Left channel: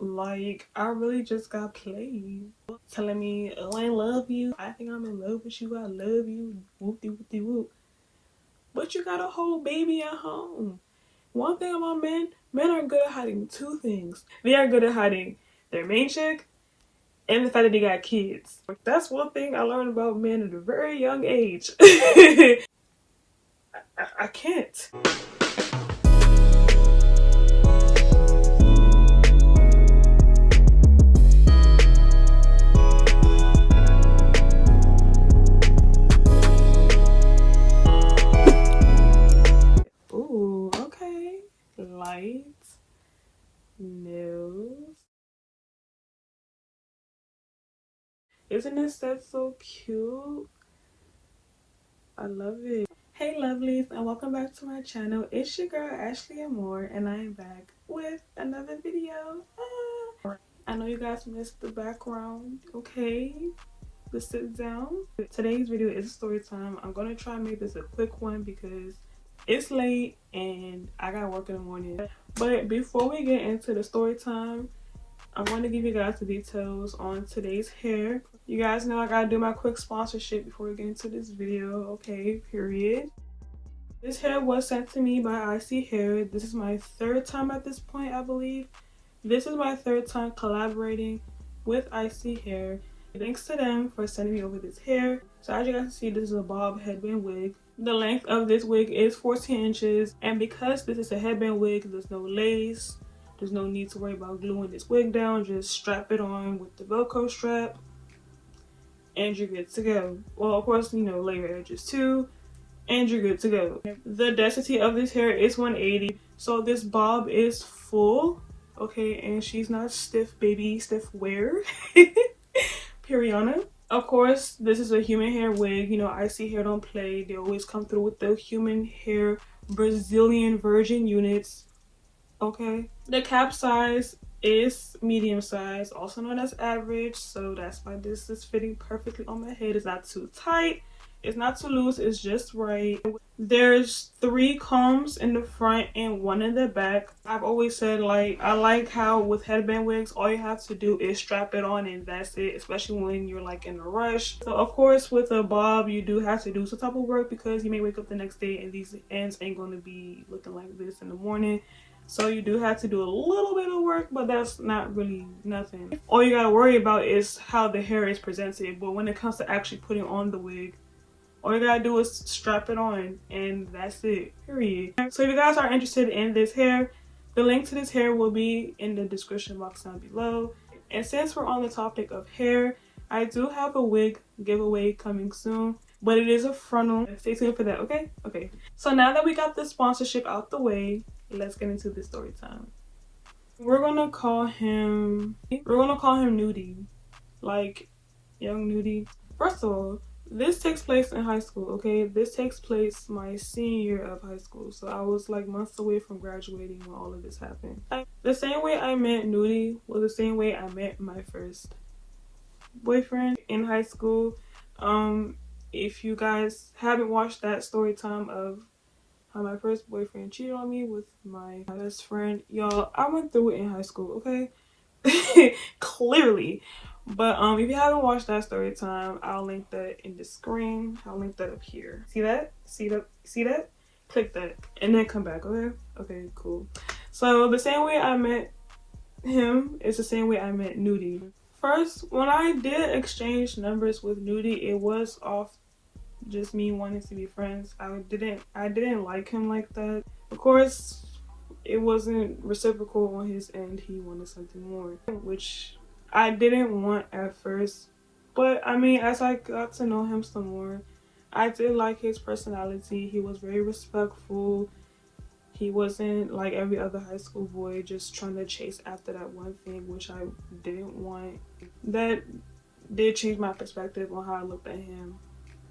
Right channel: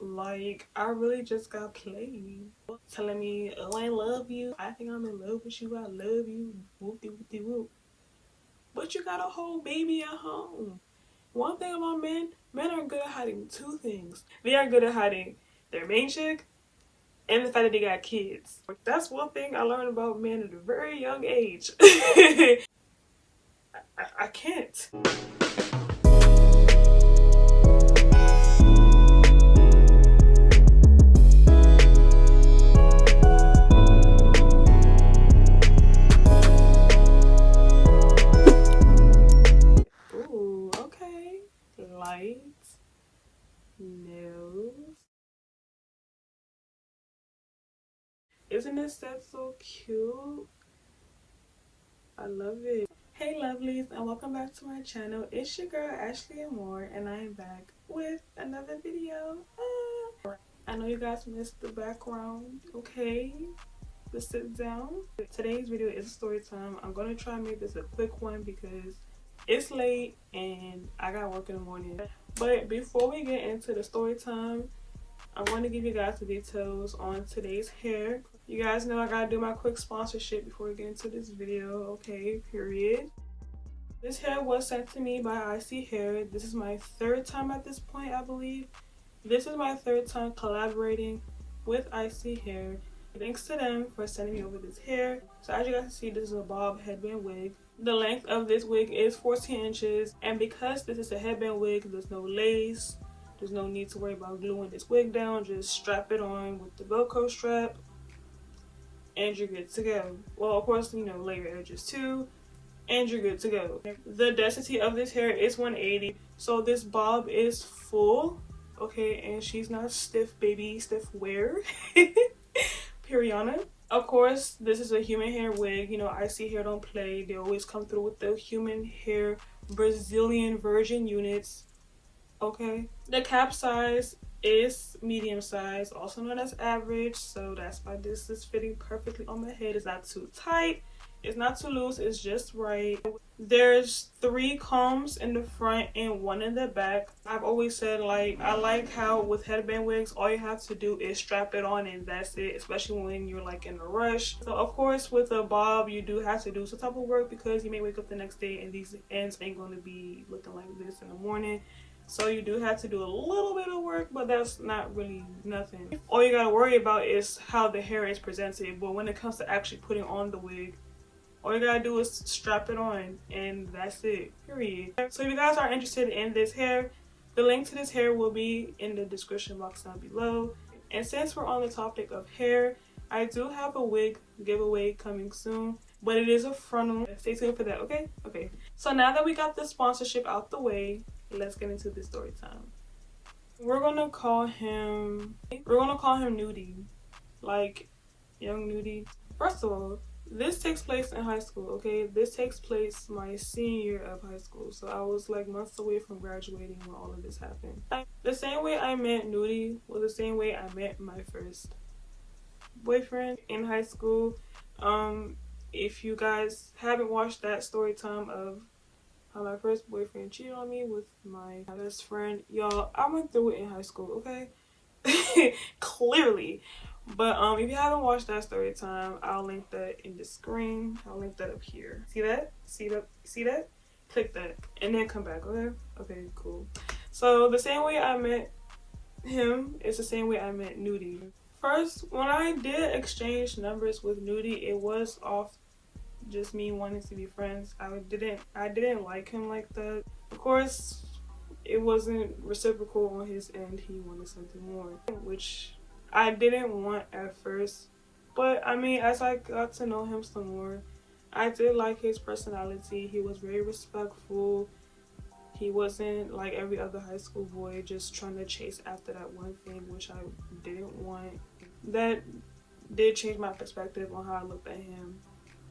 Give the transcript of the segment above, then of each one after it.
Like, I really just got played. Telling me, oh, I love you. I think I'm in love with you. I love you. Whoop-de-whoop-de-whoop. But you got a whole baby at home. One thing about men are good at hiding two things. They are good at hiding their main chick and the fact that they got kids. That's one thing I learned about men at a very young age. I can't. Ooh, okay. Lights, nails. Isn't this set so cute? I love it. Hey lovelies, and welcome back to my channel. It's your girl Ashley and More, and I am back with another video. I know you guys missed the background, okay? Just sit down. Today's video is a story time. I'm gonna try and make this a quick one because it's late and I got work in the morning. But before we get into the story time, I want to give you guys the details on today's hair. You guys know I gotta do my quick sponsorship before we get into this video, okay, period. This hair was sent to me by Isee Hair. This is my third time at this point, I believe. This is my third time collaborating with Isee Hair. Thanks to them for sending me over this hair. So as you guys can see, this is a bob headband wig. The length of this wig is 14 inches. And because this is a headband wig, there's no lace. There's no need to worry about gluing this wig down. Just strap it on with the Velcro strap and you're good to go. Well, of course, you know, layer edges too, and you're good to go. The density of this hair is 180. So this bob is full, okay, and she's not stiff, baby, stiff wear. Periana. Of course, this is a human hair wig. You know, Isee Hair don't play. They always come through with the human hair Brazilian virgin units. Okay, the cap size is medium size, also known as average, so that's why this is fitting perfectly on my head. It's not too tight, it's not too loose, it's just right. There's 3 combs in the front and 1 in the back. I've always said, like, I like how with headband wigs all you have to do is strap it on and that's it, especially when you're like in a rush. So of course with a bob you do have to do some type of work because you may wake up the next day and these ends ain't going to be looking like this in the morning. So you do have to do a little bit of work, but that's not really nothing. All you gotta worry about is how the hair is presented. But when it comes to actually putting on the wig, all you gotta do is strap it on and that's it, period. So if you guys are interested in this hair, the link to this hair will be in the description box down below. And since we're on the topic of hair, I do have a wig giveaway coming soon, but it is a frontal. Stay tuned for that, okay? Okay. So now that we got the sponsorship out the way, let's get into the story time. We're gonna call him Nudie, like young Nudie. First of all, this takes place in high school, okay? This takes place my senior year of high school, so I was like months away from graduating when all of this happened. The same way I met Nudie was the same way I met my first boyfriend in high school. If you guys haven't watched that story time of how my first boyfriend cheated on me with my best friend, y'all, I went through it in high school, okay? Clearly. But if you haven't watched that story time, I'll link that in the screen. I'll link that up here. See that? See that? Click that and then come back, okay? Okay, cool. So the same way I met him is the same way I met Nudie. First, when I did exchange numbers with Nudie, it was off just me wanting to be friends. I didn't like him like that. Of course, it wasn't reciprocal on his end. He wanted something more, which I didn't want at first. But I mean, as I got to know him some more, I did like his personality. He was very respectful. He wasn't like every other high school boy just trying to chase after that one thing, which I didn't want. That did change my perspective on how I looked at him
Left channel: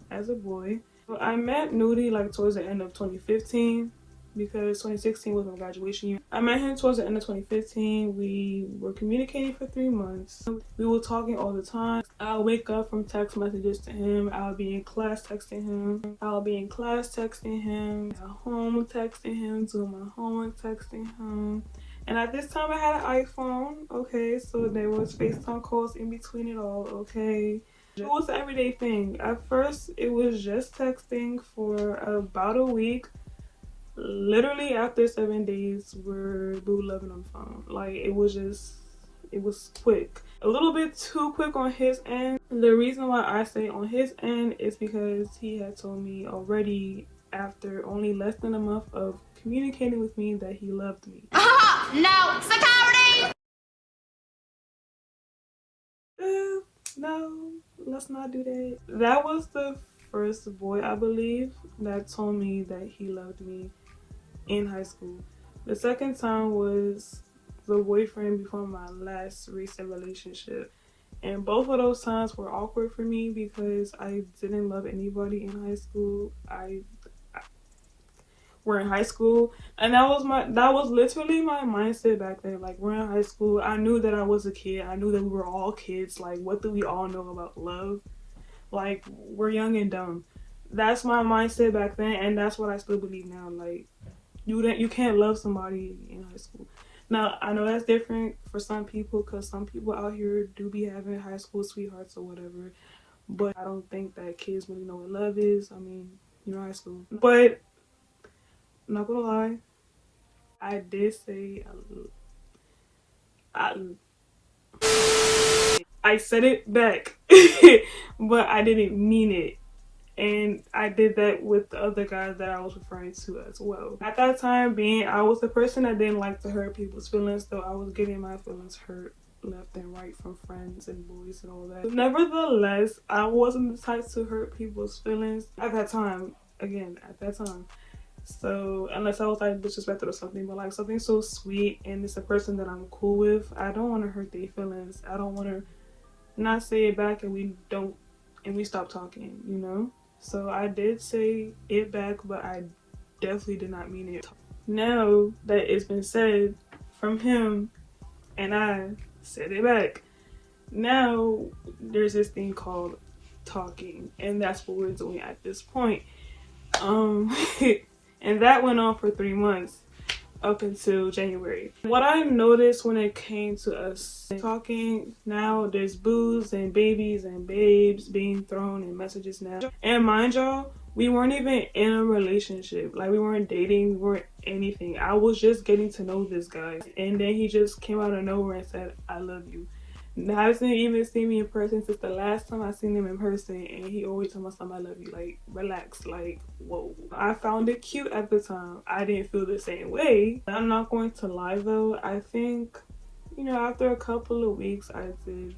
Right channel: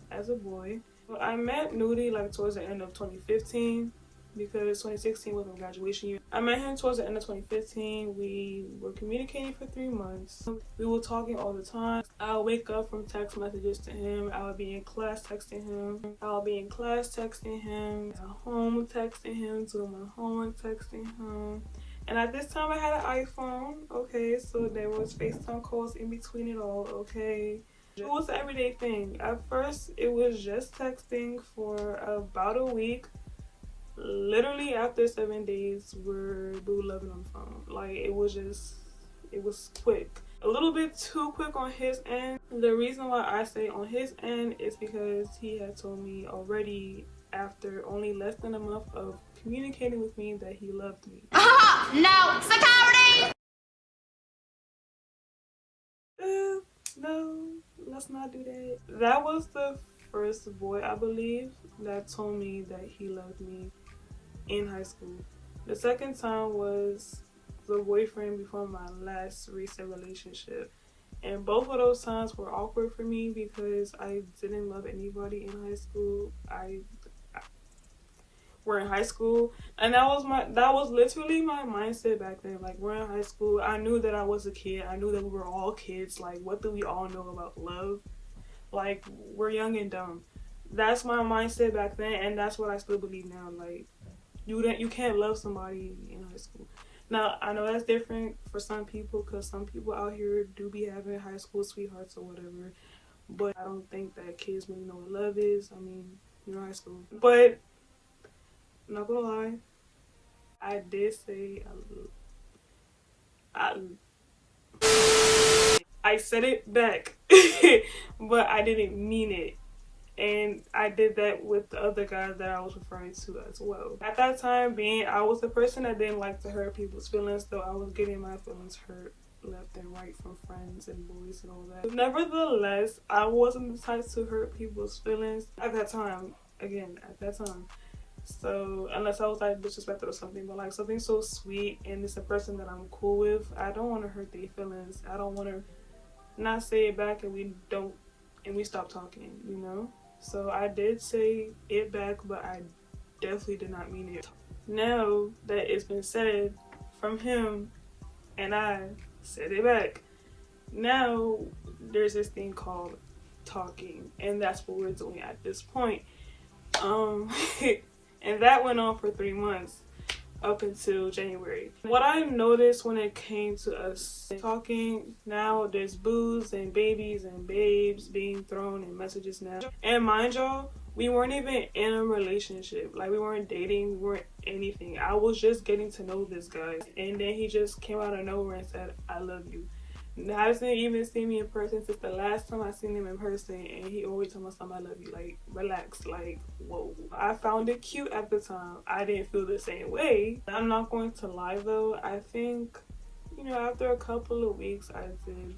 as a boy. But I met Nudie like towards the end of 2015 because 2016 was my graduation year. I met him towards the end of 2015. We were communicating for 3 months. We were talking all the time. I'll wake up from text messages to him. I'll be in class texting him. I'll be in class texting him. At home texting him. Doing my homework texting him. And at this time I had an iPhone, okay, so there was FaceTime calls in between it all, okay. It was an everyday thing. At first it was just texting for about a week. Literally after 7 days we're boo loving on the phone. Like it was quick. A little bit too quick on his end. The reason why I say on his end is because he had told me already after only less than a month of communicating with me that he loved me. No, security! No, let's not do that. That was the first boy, I believe, that told me that he loved me in high school. The second time was the boyfriend before my last recent relationship. And both of those times were awkward for me because I didn't love anybody in high school. We're in high school, and that was literally my mindset back then. Like, we're in high school, I knew that I was a kid, I knew that we were all kids. Like, what do we all know about love? Like, we're young and dumb. That's my mindset back then, and that's what I still believe now. Like, you can't love somebody in high school. Now I know that's different for some people, because some people out here do be having high school sweethearts or whatever, but I don't think that kids really know what love is. I mean, you're in high school. But I'm not gonna lie, I did say I said it back, but I didn't mean it. And I did that with the other guys that I was referring to as well. At that time, I was the person that didn't like to hurt people's feelings, so I was getting my feelings hurt left and right from friends and boys and all that. Nevertheless, I wasn't the type to hurt people's feelings at that time. Again, at that time. So unless I was like disrespected or something, but like something so sweet and it's a person that I'm cool with, I don't want to hurt their feelings. I don't want to not say it back and we stop talking, you know? So I did say it back, but I definitely did not mean it. Now that it's been said from him and I said it back, now there's this thing called talking, and that's what we're doing at this point. And that went on for 3 months up until January. What I noticed when it came to us talking, now there's boos and babies and babes being thrown in messages now. And mind y'all, we weren't even in a relationship. Like, we weren't dating, we weren't anything. I was just getting to know this guy, and then he just came out of nowhere and said, I love you. Now, I hasn't even seen me in person since the last time I seen him in person, and he always told me something, I love you. Like, relax. Like, whoa. I found it cute at the time. I didn't feel the same way. I'm not going to lie though. I think, you know, after a couple of weeks, I did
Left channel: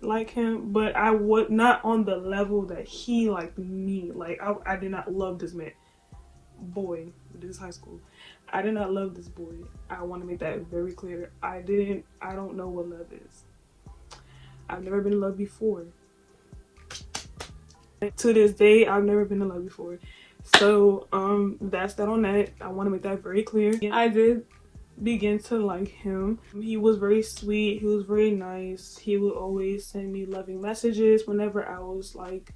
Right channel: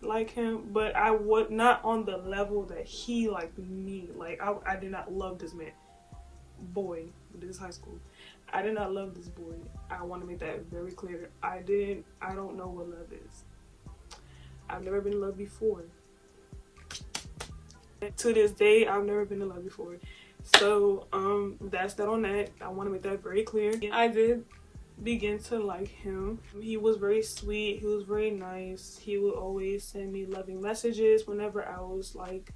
like him, but I was not on the level that he liked me. Like, I did not love this man. Boy, this is high school. I did not love this boy. I want to make that very clear. I don't know what love is. I've never been in love before. To this day, I've never been in love before. So, that's that on that. I want to make that very clear. I did begin to like him. He was very sweet. He was very nice. He would always send me loving messages whenever I was like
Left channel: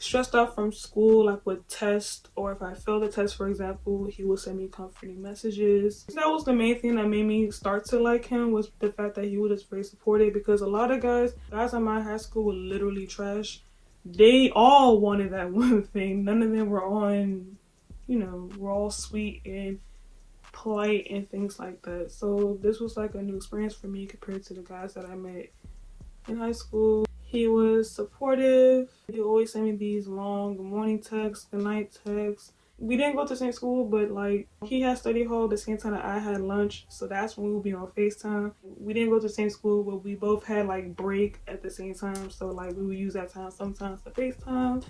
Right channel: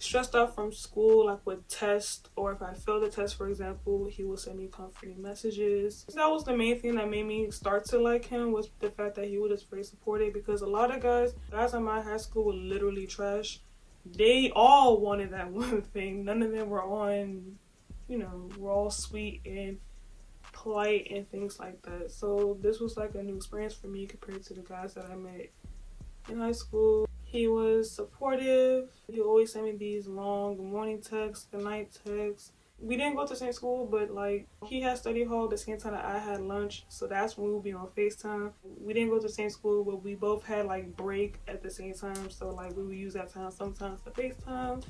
stressed out from school, like with tests, or if I failed a test, for example, he would send me comforting messages. That was the main thing that made me start to like him, was the fact that he was just very supportive, because a lot of guys in my high school were literally trash. They all wanted that one thing. None of them were on, you know, we're all sweet and polite and things like that. So this was like a new experience for me compared to the guys that I met in high school. He was supportive. He always sent me these long morning texts, good night texts. We didn't go to the same school, but like, he had study hall the same time that I had lunch, so that's when we would be on FaceTime. We didn't go to the same school, but we both had like break at the same time, so like we would use that time sometimes to FaceTime.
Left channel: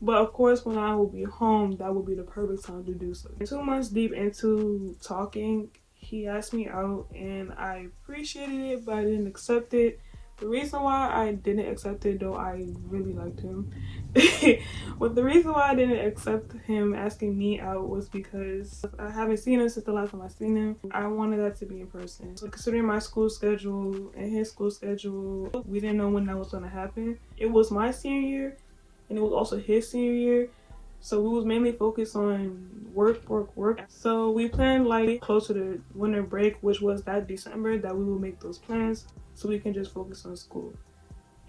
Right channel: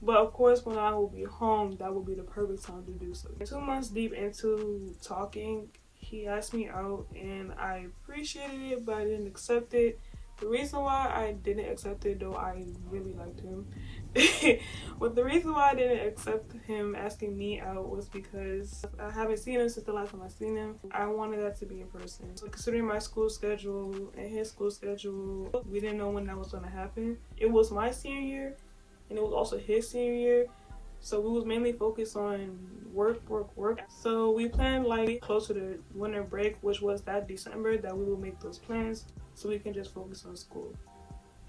But of course, when I would be home, that would be the perfect time to do so. 2 months deep into talking, he asked me out, and I appreciated it, but I didn't accept it. The reason why I didn't accept it, though I really liked him, but the reason why I didn't accept him asking me out was because I haven't seen him since the last time I seen him. I wanted that to be in person. So considering my school schedule and his school schedule, we didn't know when that was going to happen. It was my senior year, and it was also his senior year. So we was mainly focused on work. So we planned like closer to winter break, which was that December, that we would make those plans so we can just focus on school.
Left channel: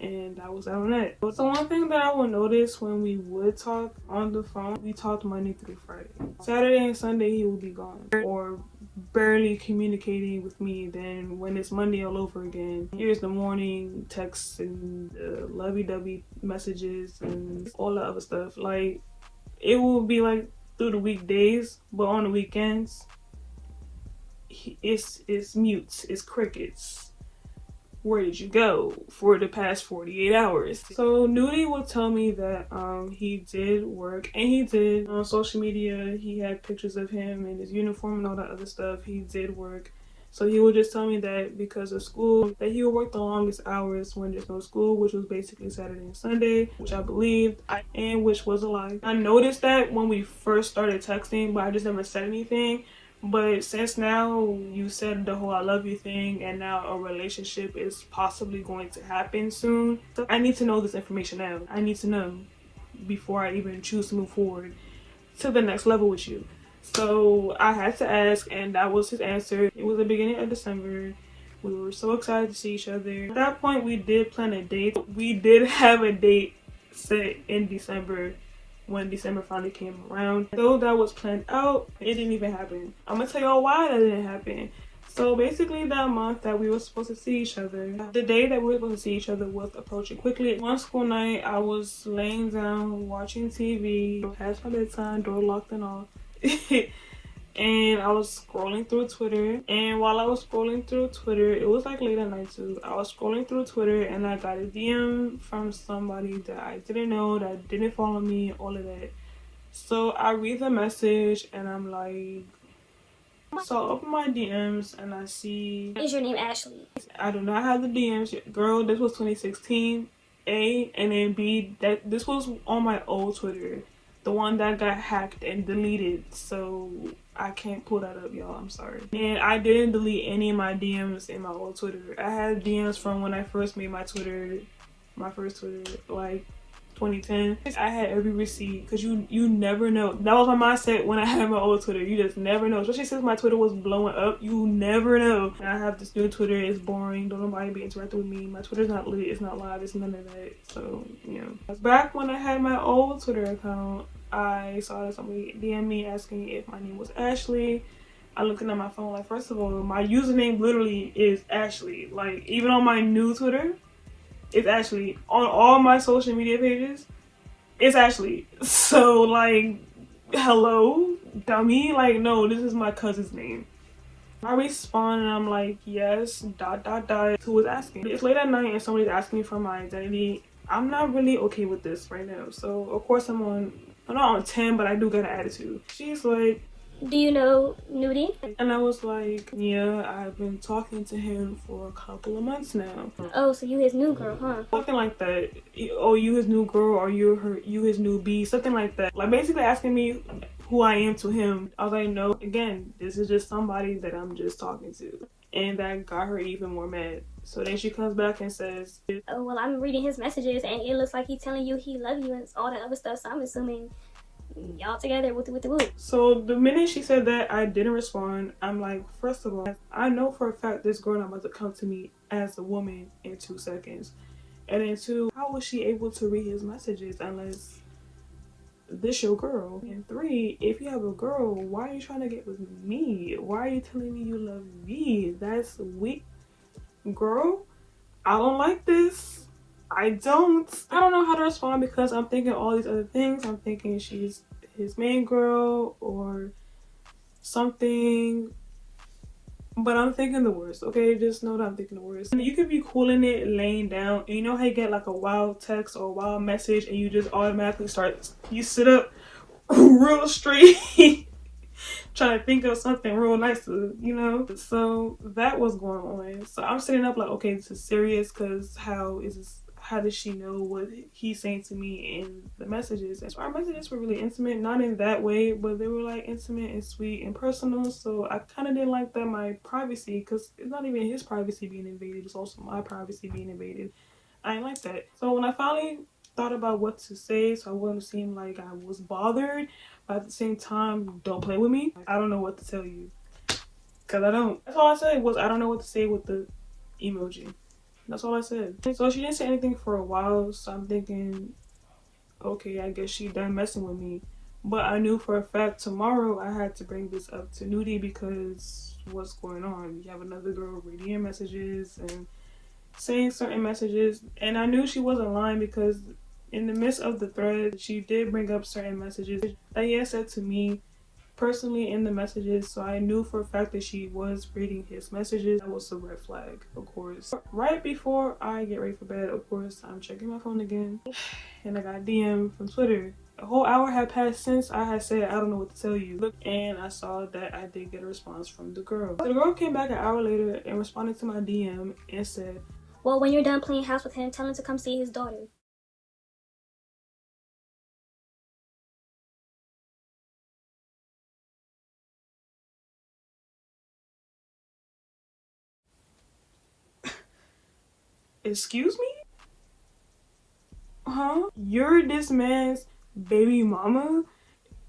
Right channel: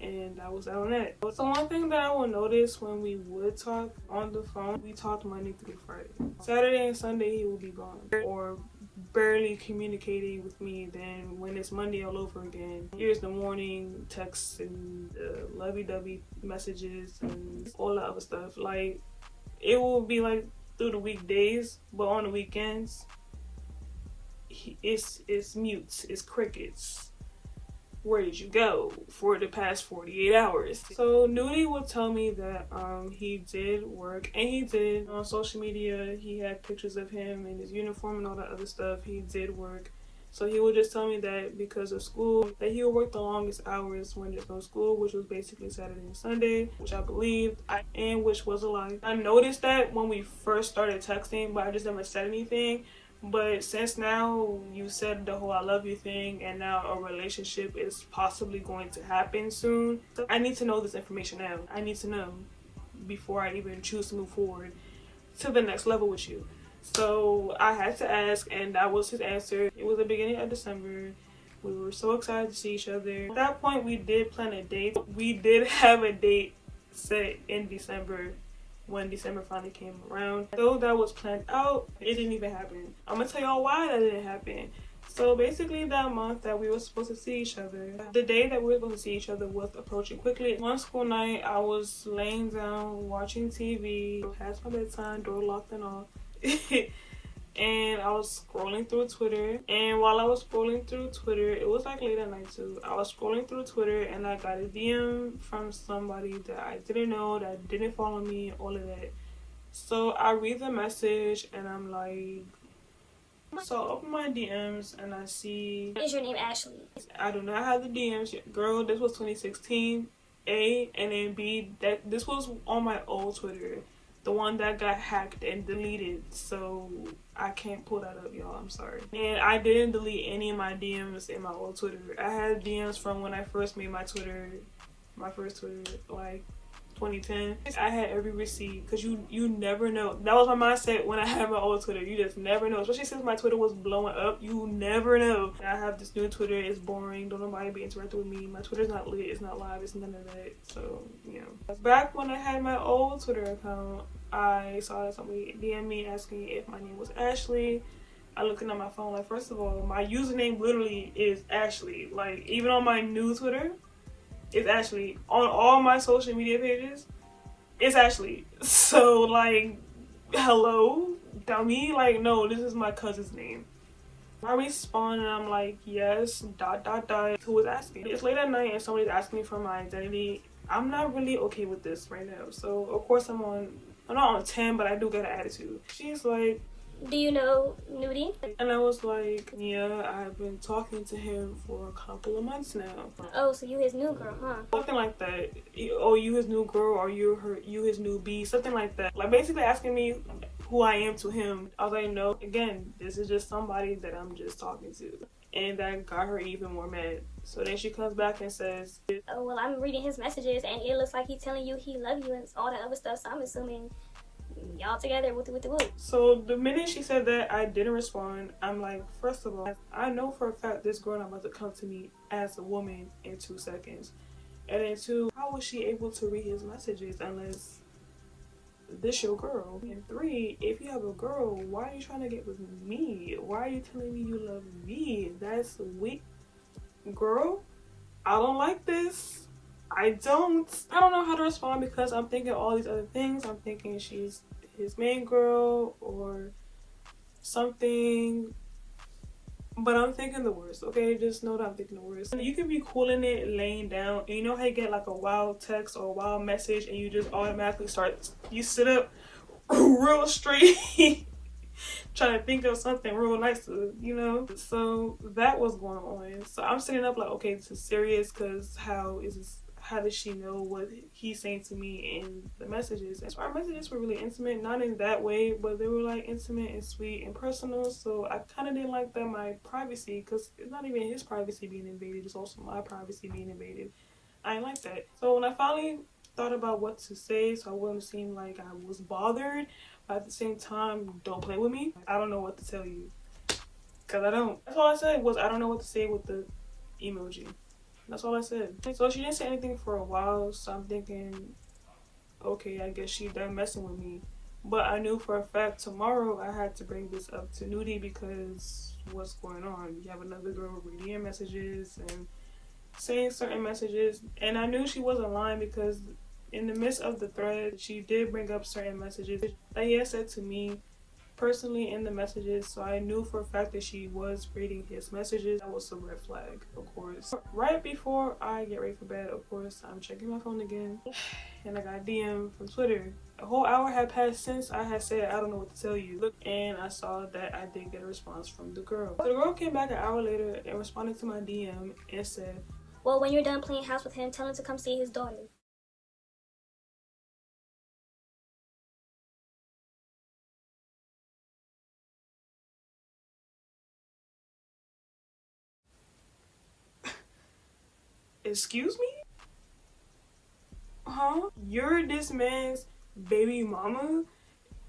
And that was on it. So one thing that I will notice when we would talk on the phone, we talked Monday through Friday. Saturday and Sunday he would be gone or barely communicating with me. Then when it's Monday all over again, here's the morning texts and lovey-dovey messages and all the other stuff. Like, it will be like through the weekdays, but on the weekends it's mutes, it's crickets. Where did you go for the past 48 hours? So Nudie would tell me that he did work, and he did on social media. He had pictures of him in his uniform and all that other stuff. He did work. So he would just tell me that because of school, that he would work the longest hours when there's no school, which was basically Saturday and Sunday, which I believed, and which was a lie. I noticed that when we first started texting, but I just never said anything. But since now you said the whole I love you thing, and now a relationship is possibly going to happen soon, I need to know this information now. I need to know before I even choose to move forward to the next level with you. So I had to ask, and that was his answer. It was the beginning of December. We were so excited to see each other. At that point, we did plan a date. We did have a date set in December. When December finally came around, though that was planned out, it didn't even happen. I'm gonna tell y'all why that didn't happen. So basically, that month that we were supposed to see each other, the day that we were supposed to see each other was approaching quickly. One school night, I was laying down watching TV, past my bedtime, door locked and all. And I was scrolling through Twitter, and while I was scrolling through Twitter, it was like late at night too. I was scrolling through Twitter and I got a DM from somebody that I didn't know, that didn't follow me, all of that. So I read the message and I'm like, so I open my DMs and I see, Is your name Ashley? I do not have the DMs. Girl, this was 2016, A, and then B, that this was on my old Twitter, the one that got hacked and deleted. So I can't pull that up, y'all. I'm sorry. And I didn't delete any of my DMs in my old Twitter. I had DMs from when I first made my Twitter, my first Twitter, like 2010. I had every receipt, because you never know. That was my mindset when I had my old Twitter. You just never know, especially since my Twitter was blowing up. You never know. And I have this new Twitter. It's boring. Don't nobody be interacting with me. My Twitter's not lit. It's not live. It's none of that. So, you know. Back when I had my old Twitter account, I saw that somebody DM me asking if my name was Ashley. I looked at my phone, like, first of all, my username literally is Ashley. Like, even on my new Twitter, it's Ashley. On all my social media pages, it's Ashley. So, like, hello, dummy. Like, no, this is my cousin's name. I respond and I'm like, yes, ... Who was asking? It's late at night and somebody's asking me for my identity. I'm not really okay with this right now. So, of course, I'm not on 10, but I do got an attitude. She's like, Do you know Nudie? and I was like, yeah, I've been talking to him for a couple of months now. Oh, so you his new girl, huh? Something like that. Oh, you his new girl, or you his new bee, something like that. Like, basically asking me who I am to him. I was like, no, again, this is just somebody that I'm just talking to. And that got her even more mad. So then she comes back and says, Oh, well, I'm reading his messages and it looks like he's telling you he loves you and all that other stuff, so I'm assuming y'all together with the whoop. So the minute she said that, I didn't respond. I'm like, first of all, I know for a fact this girl not about to come to me as a woman in 2 seconds. And then 2, how was she able to read his messages unless this your girl? And 3, if you have a girl, why are you trying to get with me? Why are you telling me you love me? That's weak. Girl, I don't like this. I don't know how to respond, because I'm thinking all these other things. I'm thinking she's his main girl or something, but I'm thinking the worst. Okay, just know that I'm thinking the worst. You could be cooling it laying down, and you know how you get like a wild text or a wild message and you just automatically you sit up real straight trying to think of something real nice to, you know. So that was going on. So I'm sitting up like, okay, this is serious, because how does she know what he's saying to me in the messages? And our messages were really intimate, not in that way, but they were like intimate and sweet and personal. So I kind of didn't like that my privacy, because it's not even his privacy being invaded, it's also my privacy being invaded. I didn't like that. So when I finally thought about what to say so I wouldn't seem like I was bothered, but at the same time, don't play with me. I don't know what to tell you, because I don't. That's all I said was I don't know what to say with the emoji. That's all I said. So she didn't say anything for a while, so I'm thinking, okay, I guess she done messing with me. But I knew for a fact tomorrow I had to bring this up to Nudie, because what's going on? You have another girl reading messages and saying certain messages, and I knew she wasn't lying, because in the midst of the thread she did bring up certain messages that he had said to me personally in the messages, so I knew for a fact that she was reading his messages. That was a red flag, of course. Right before I get ready for bed, of course, I'm checking my phone again, and I got a DM from Twitter. A whole hour had passed since I had said I don't know what to tell you. Look, and I saw that I did get a response from the girl. So the girl came back an hour later and responded to my DM and said, well, when you're done playing house with him, tell him to come see his daughter. excuse me? Huh? You're this man's baby mama?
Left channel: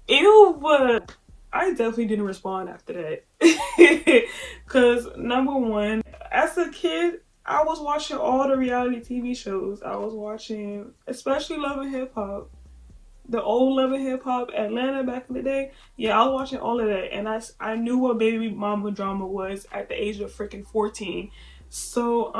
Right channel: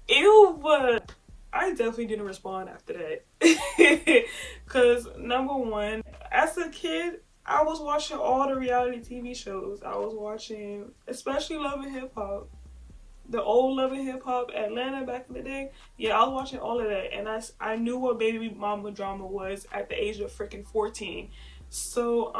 Ew, but I definitely didn't respond after that. Because number one, as a kid, I was watching all the reality TV shows. I was watching, especially Love and Hip Hop. The old Love and Hip Hop, Atlanta back in the day. Yeah, I was watching all of that, and I knew what baby mama drama was at the age of freaking 14. So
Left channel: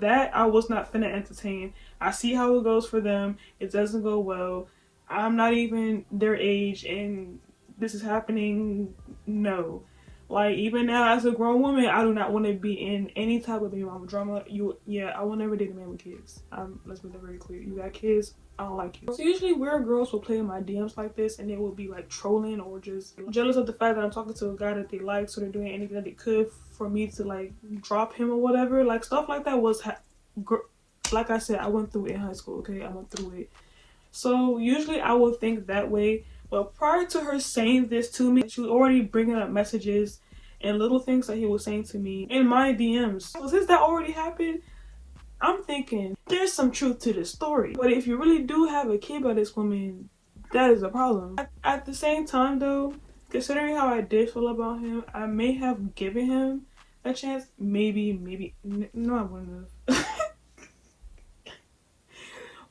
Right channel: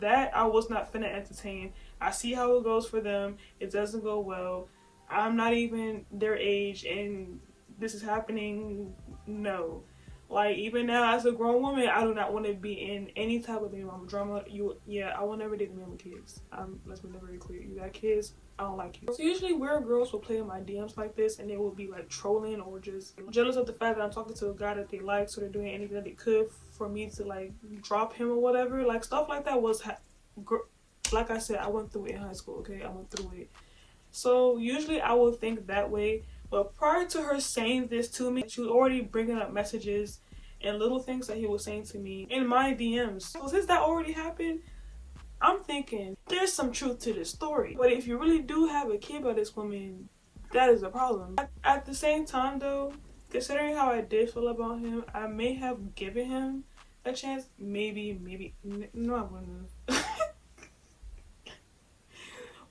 that I was not finna entertain. I see how it goes for them. It doesn't go well. I'm not even their age and this is happening. No. Like, even now as a grown woman, I do not want to be in any type of baby mama drama. I will never date a man with kids. Let's make that very clear. You got kids, I don't like you. So usually weird girls will play in my DMs like this, and they will be like trolling or just jealous of the fact that I'm talking to a guy that they like, so they're doing anything that they could for me to like drop him or whatever. Like, stuff like that was like I said, I went through it in high school. Okay, I went through it. So usually I will think that way. But prior to her saying this to me, she was already bringing up messages and little things that he was saying to me in my DMs. So since that already happened, I'm thinking there's some truth to this story. But if you really do have a kid by this woman, that is a problem. At the same time though, considering how I did feel about him, I may have given him a chance. Maybe. No, I wouldn't have.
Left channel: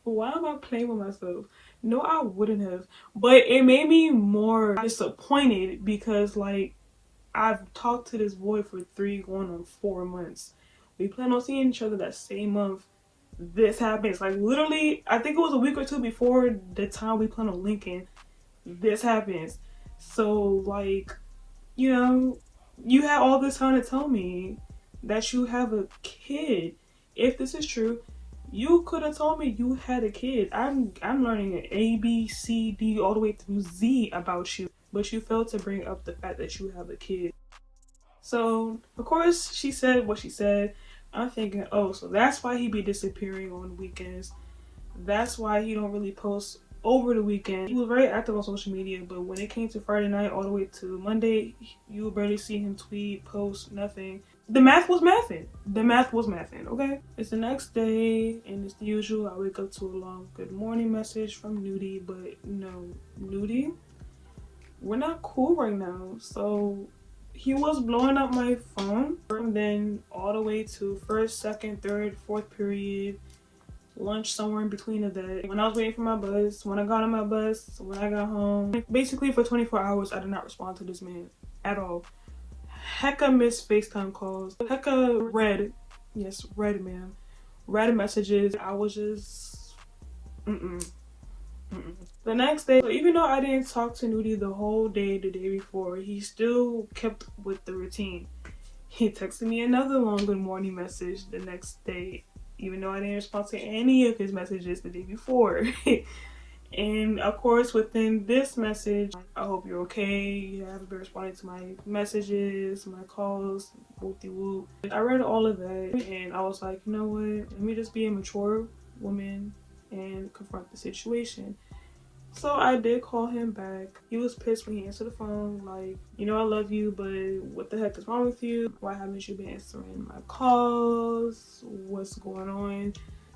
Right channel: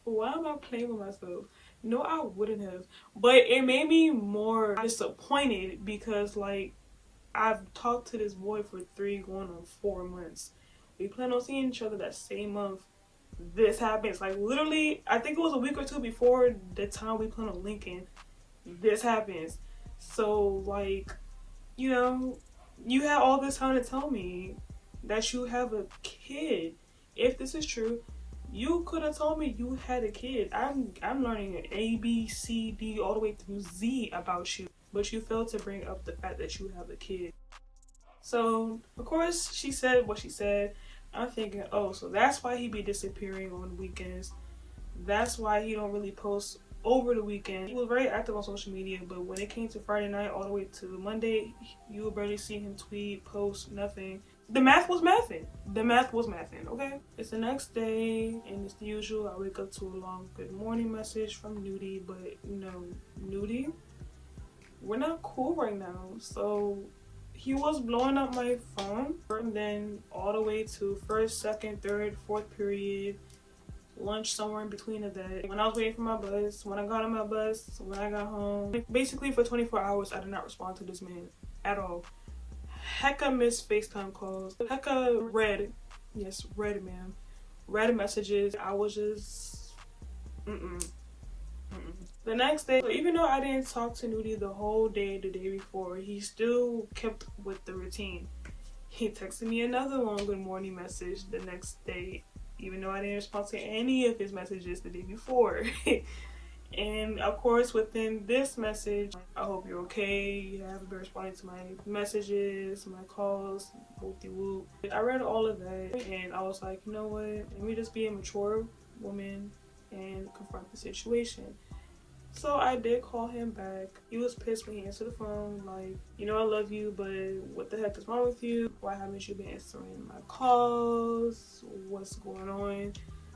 Why am I playing with myself? No, I wouldn't have. But it made me more disappointed because, like, I've talked to this boy for 3 going on 4 months. We plan on seeing each other that same month. This happens. Like, literally, I think it was a week or 2 before the time we plan on linking. This happens. So, like, you know, you had all this time to tell me that you have a kid. If this is true, you could have told me you had a kid. I'm learning an A, B, C, D all the way through Z about you, but you failed to bring up the fact that you have a kid. So of course she said what she said. I'm thinking, oh, so that's why he be disappearing on the weekends. That's why he don't really post over the weekend. He was very active on social media, but when it came to Friday night all the way to Monday, you would barely see him tweet, post, nothing. The math was mathing. Okay? It's the next day, and it's the usual. I wake up to a long good morning message from Nudie, but no, Nudie, we're not cool right now. So he was blowing up my phone from then all the way to first, second, third, fourth period, lunch somewhere in between of that. When I was waiting for my bus, when I got on my bus, when I got home. Basically for 24 hours, I did not respond to this man at all. Hecka missed FaceTime calls. Hecka read messages. I was just, The next day, so even though I didn't talk to Nudie the whole day, the day before, he still kept with the routine. He texted me another long good morning message the next day, even though I didn't respond to any of his messages the day before. And of course, within this message, I hope you're okay. You haven't been responding to my messages, my calls, whoop-de-whoop. I read all of that, and I was like, you know what? Let me just be a mature woman and confront the situation. So I did call him back. He was pissed when he answered the phone, like, you know I love you, but what the heck is wrong with you? Why haven't you been answering my calls? What's going on?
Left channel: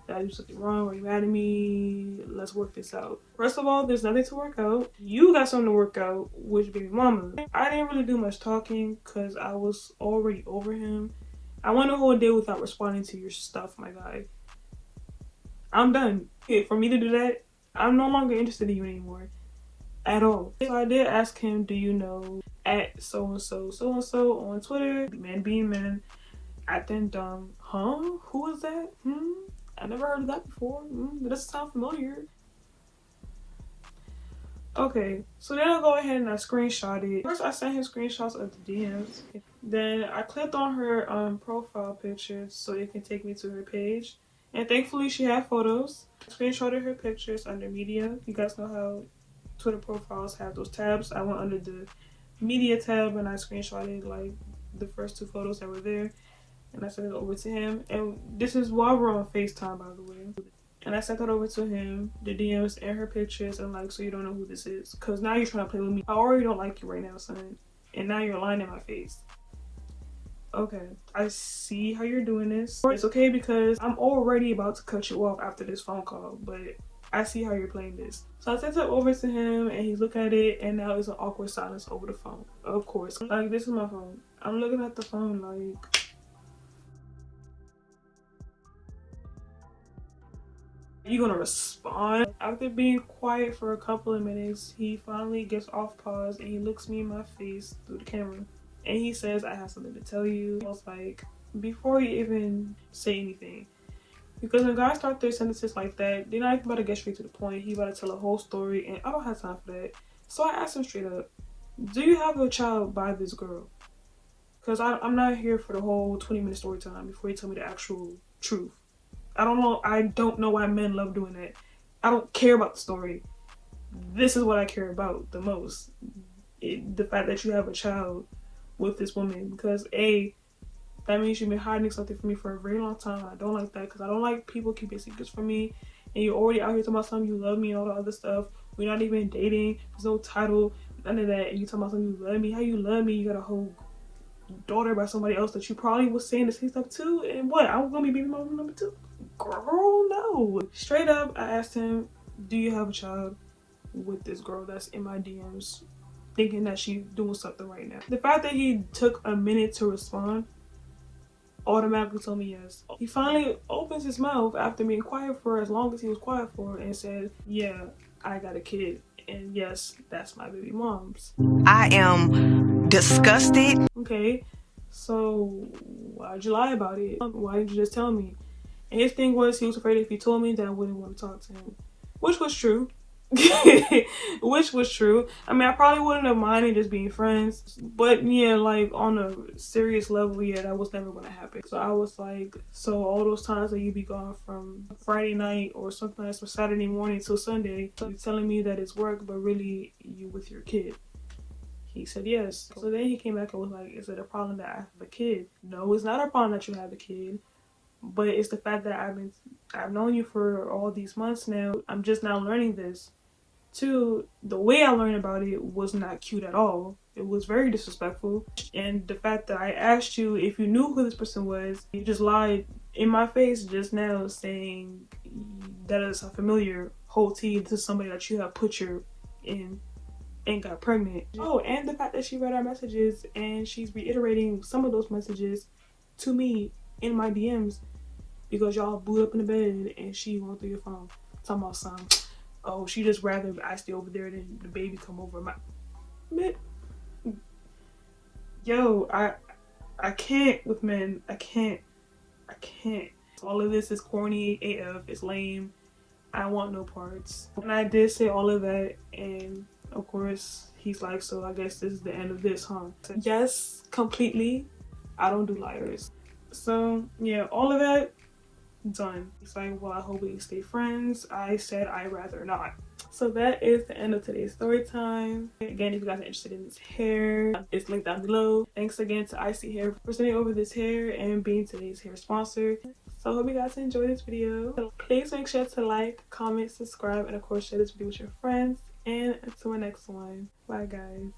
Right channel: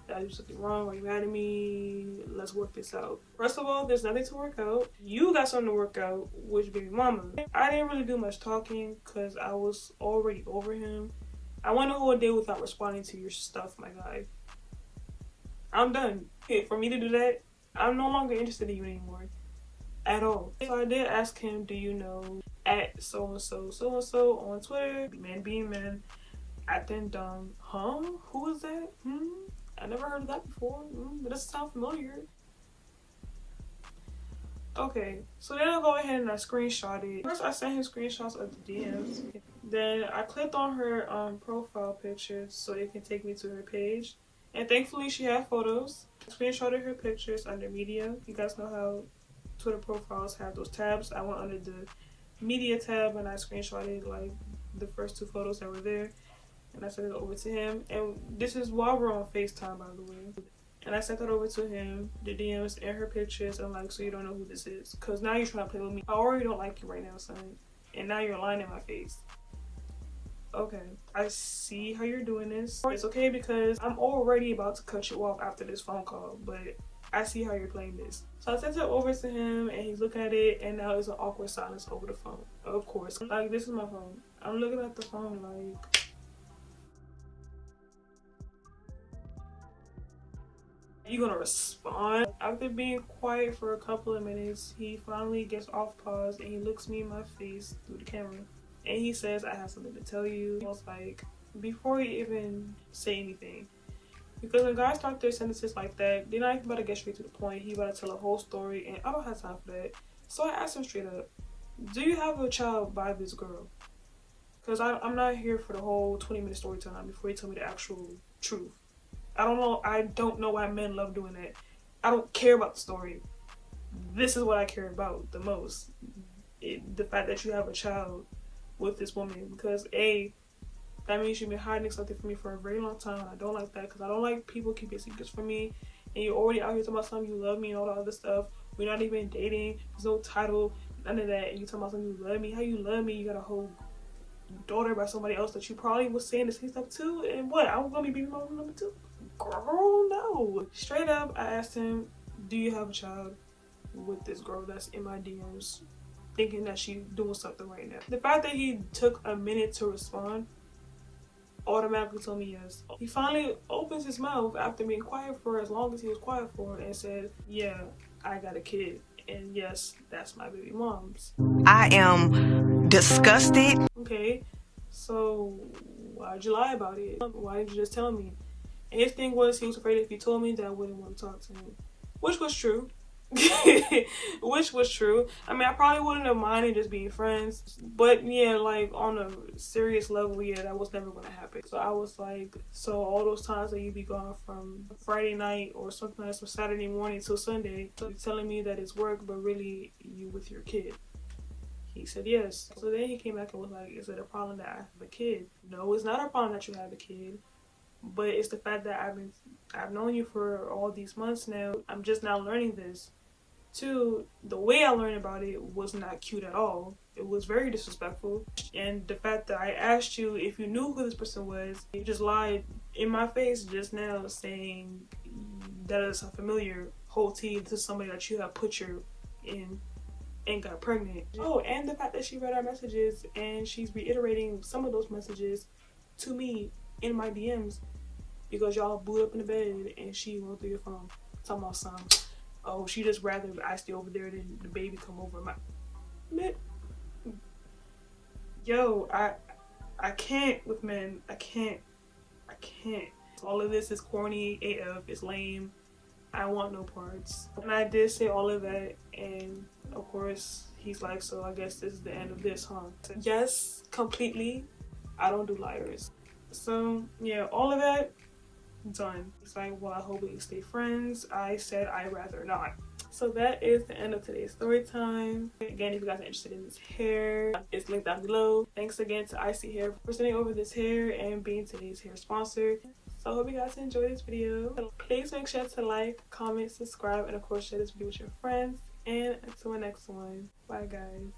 Did I do something wrong? Are you mad at me? Let's work this out. First of all, there's nothing to work out. You got something to work out, which baby mama. I didn't really do much talking because I was already over him. I went a whole day without responding to your stuff, my guy. I'm done. Okay, for me to do that, I'm no longer interested in you anymore. At all. So I did ask him, do you know at so-and-so, so-and-so on Twitter, man being man, acting dumb. Huh? Who is that? I never heard of that before. That doesn't sound familiar. Okay, so then I go ahead and I screenshot it. First I sent him screenshots of the DMs. Then I clicked on her profile pictures so it can take me to her page. And thankfully she had photos. I screenshotted her pictures under media. You guys know how Twitter profiles have those tabs. I went under the media tab and I screenshotted like the first 2 photos that were there. And I sent it over to him. And this is while we're on FaceTime, by the way. And I sent that over to him, the DMs and her pictures. And like, so you don't know who this is. Because now you're trying to play with me. I already don't like you right now, son. And now you're lying in my face. Okay, I see how you're doing this. It's okay because I'm already about to cut you off after this phone call. But I see how you're playing this. So I sent it over to him and he's looking at it and now it's an awkward silence over the phone. Of course. Like, this is my phone. I'm looking at the phone like... You gonna respond? After being quiet for a couple of minutes, he finally gets off pause and he looks me in my face through the camera. And he says, I have something to tell you. I was like, before you even say anything. Because when guys start their sentences like that, they're not even about to get straight to the point. He about to tell a whole story and I don't have time for that. So I asked him straight up, do you have a child by this girl? Because I'm not here for the whole 20-minute story time before you tell me the actual truth. I don't know why men love doing that. I don't care about the story. This is what I care about the most. The fact that you have a child with this woman. Because A, that means you've been hiding something from me for a very long time. I don't like that because I don't like people keeping secrets from me. And you're already out here talking about something, you love me and all the other stuff. We're not even dating. There's no title, none of that. And you talking about something, you love me. How you love me? You got a whole daughter by somebody else that you probably was saying the same stuff to. And what? I'm going to be baby mama number 2? Girl, no. Straight up, I asked him, do you have a child with this girl that's in my DMs thinking that she's doing something right now? The fact that he took a minute to respond automatically told me yes. He finally opens his mouth after being quiet for as long as he was quiet for and said, yeah, I got a kid. And yes, that's my baby mom's. I am disgusted. Okay, so why'd you lie about it? Why didn't you just tell me? And his thing was, he was afraid if he told me that I wouldn't want to talk to him. Which was true. Which was true. I mean, I probably wouldn't have minded just being friends. But yeah, like on a serious level, yeah, that was never going to happen. So I was like, so all those times that you be gone from Friday night or something else or Saturday morning till Sunday, so you're telling me that it's work, but really you with your kid. He said yes. So then he came back and was like, is it a problem that I have a kid? No, it's not a problem that you have a kid. But it's the fact that I've known you for all these months now. I'm just now learning this. 2, the way I learned about it was not cute at all. It was very disrespectful. And the fact that I asked you if you knew who this person was, you just lied in my face just now saying that is a familiar whole tea to somebody that you have put your in and got pregnant. Oh, and the fact that she read our messages and she's reiterating some of those messages to me in my DMs because y'all blew up in the bed and she went through your phone talking about something. Oh, she just rather I stay over there than the baby come over. Yo, I can't with men. I can't. All of this is corny AF. It's lame. I want no parts. And I did say all of that, and of course he's like, so I guess this is the end of this, huh? So, yes, completely. I don't do liars. So yeah, all of that done. It's like, well, I hope we stay friends. I said I'd rather not. So that is the end of today's story time. Again, if you guys are interested in this hair, it's linked down below. Thanks again to Isee Hair for sending over this hair and being today's hair sponsor. So I hope you guys enjoyed this video. Please make sure to like, comment, subscribe, and of course share this video with your friends. And until my next one, bye guys.